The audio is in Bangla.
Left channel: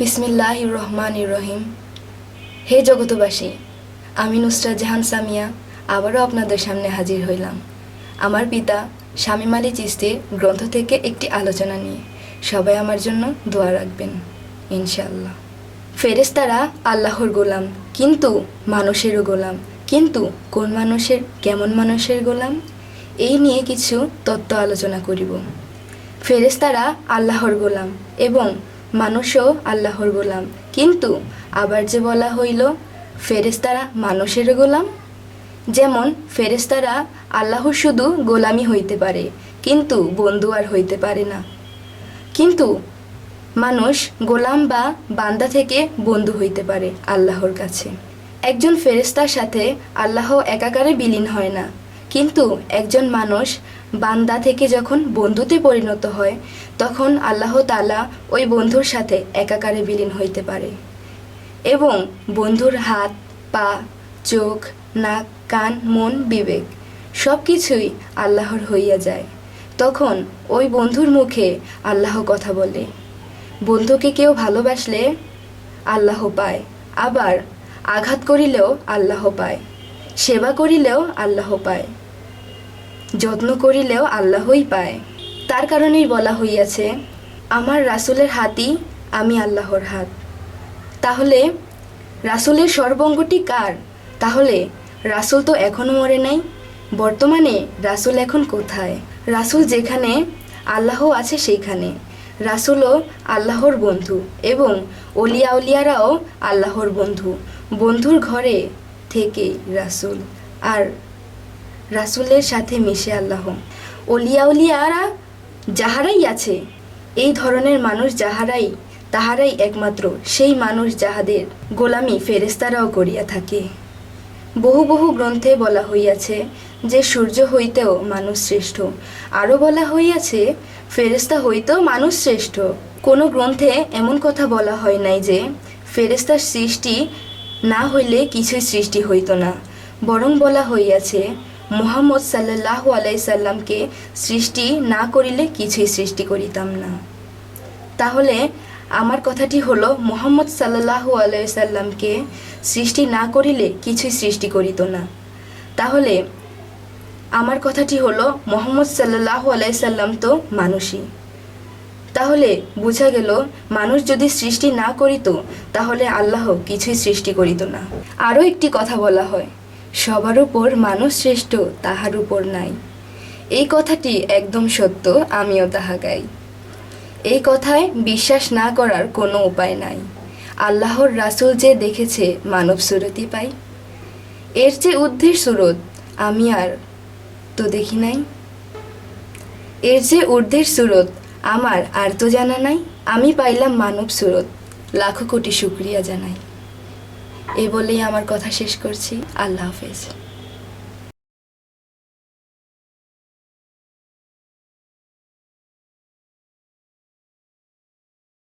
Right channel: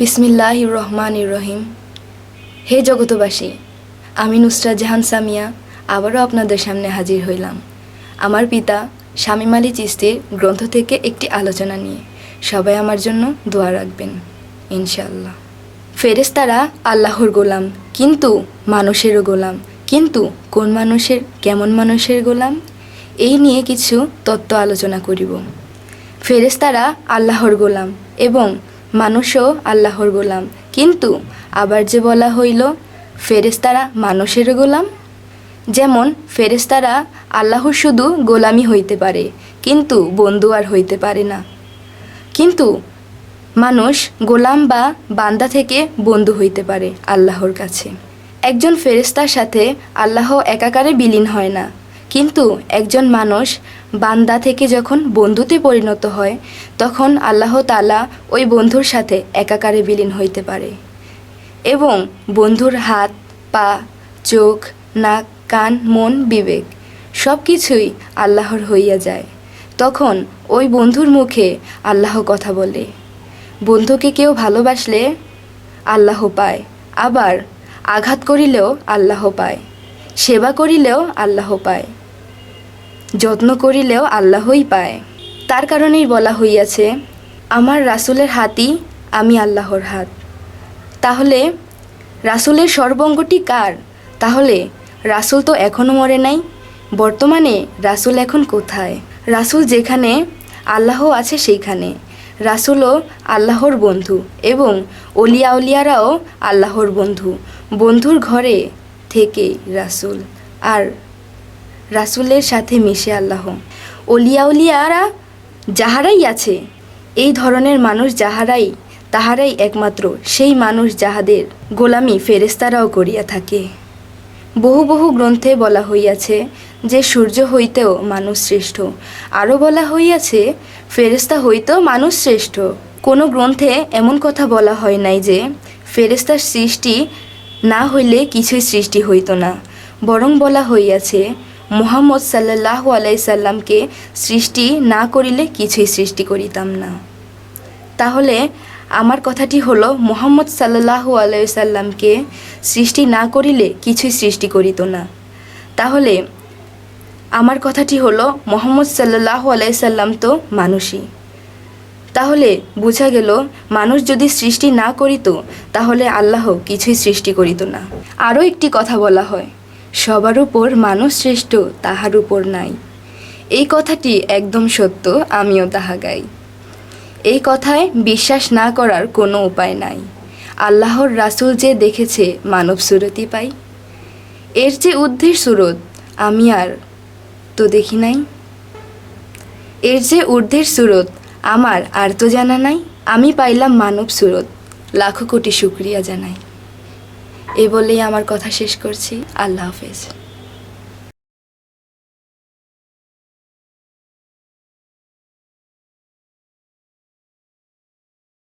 বিসমিল্লাহির রহমানির রহিম। হে জগতবাসী, আমি নুসরাত জাহান সামিয়া আবারও আপনাদের সামনে হাজির হইলাম আমার পিতা শামীম আলী চিশতির গ্রন্থ থেকে একটি আলোচনা নিয়ে। সবাই আমার জন্য দোয়া রাখবেন ইনশাআল্লাহ। ফেরেশতারা আল্লাহর গোলাম, কিন্তু মানুষেরও গোলাম। কিন্তু কোন মানুষের, কেমন মানুষের গোলাম, এই নিয়ে কিছু তত্ত্ব আলোচনা করিব। ফেরেশতারা আল্লাহর গোলাম এবং মানুষও আল্লাহর গোলাম, কিন্তু আবার যে বলা হইল ফেরেশতারা মানুষেরও গোলাম। যেমন ফেরেশতারা আল্লাহর শুধু গোলামি হইতে পারে, কিন্তু বন্ধু আর হইতে পারে না। কিন্তু মানুষ গোলাম বা বান্দা থেকে বন্ধু হইতে পারে আল্লাহর কাছে। একজন ফেরেশতার সাথে আল্লাহ একাকারে বিলীন হয় না, কিন্তু একজন মানুষ বান্দা থেকে যখন বন্ধুতে পরিণত হয় তখন আল্লাহ তাআলা ওই বন্ধুর সাথে একাকারে বিলীন হইতে পারে এবং বন্ধুর হাত, পা, চোখ, নাক, কান, মন, বিবেক সব কিছুই আল্লাহর হইয়া যায়। তখন ওই বন্ধুর মুখে আল্লাহ কথা বলে। বন্ধুকে কেউ ভালোবাসলে আল্লাহ পায়, আবার আঘাত করিলেও আল্লাহ পায়, সেবা করিলেও আল্লাহ পায়, যত্ন করিলেও আল্লাহই পায়। তার কারণেই বলা হইয়াছে, আমার রাসূলের হাতই আমি আল্লাহর হাত। তাহলে রাসূলের সর্বঙ্গটি কার? তাহলে রাসূল তো এখনও মরে নাই। বর্তমানে রাসূল এখন কোথায়? রাসূল যেখানে আল্লাহ আছে সেইখানে। রাসূলও আল্লাহর বন্ধু এবং অলিয়া উলিয়ারাও আল্লাহর বন্ধু। বন্ধুর ঘরে থেকে রাসূল আর রাসূলের সাথে মিশে আল্লাহ। অলিয়া উলিয়ারা যাহারাই আছে, এই ধরনের মানুষ যাহারাই, তাহারাই একমাত্র সেই মানুষ যাহাদের গোলামি ফেরেশতারাও করিয়া থাকে। বহু বহু গ্রন্থে বলা হইয়াছে যে সূর্য হইতেও মানুষ শ্রেষ্ঠ। আরও বলা হইয়াছে ফেরেশতা হইতেও মানুষ শ্রেষ্ঠ। কোনো গ্রন্থে এমন কথা বলা হয় নাই যে ফেরেশতার সৃষ্টি না হইলে কিছুই সৃষ্টি হইত না। বরং বলা হইয়াছে মুহাম্মদ সাল্লাল্লাহু আলাইহি সাল্লামকে সৃষ্টি না করিলে কিছুই সৃষ্টি করিতাম না। তাহলে আমার কথাটি হলো, মুহাম্মদ সাল্লাল্লাহু আলাইহি সাল্লামকে সৃষ্টি না করিলে কিছুই সৃষ্টি করিত না। তাহলে আমার কথাটি হলো, মুহাম্মদ সাল্লাল্লাহু আলাইহি সাল্লাম তো মানুষই। তাহলে বোঝা গেল, মানুষ যদি সৃষ্টি না করিত তাহলে আল্লাহ কিছুই সৃষ্টি করিত না। আরও একটি কথা বলা হয়, সবার উপর মানুষ শ্রেষ্ঠ, তাহার উপর নাই। এই কথাটি একদম সত্য, আমিও তাহা গাই। এই কথায় বিশ্বাস না করার কোনো উপায় নাই। আল্লাহর রাসূল যে দেখেছে মানব সুরতি পাই, এর যে ঊর্ধ্বের সুরত আমি আর তো দেখি নাই। এর যে ঊর্ধ্বের সুরত আমার আর তো জানা নাই। আমি পাইলাম মানব সুরত, লাখো কোটি শুকরিয়া জানাই। এ বলেই আমার কথা শেষ করছি। আল্লাহ হাফেজ।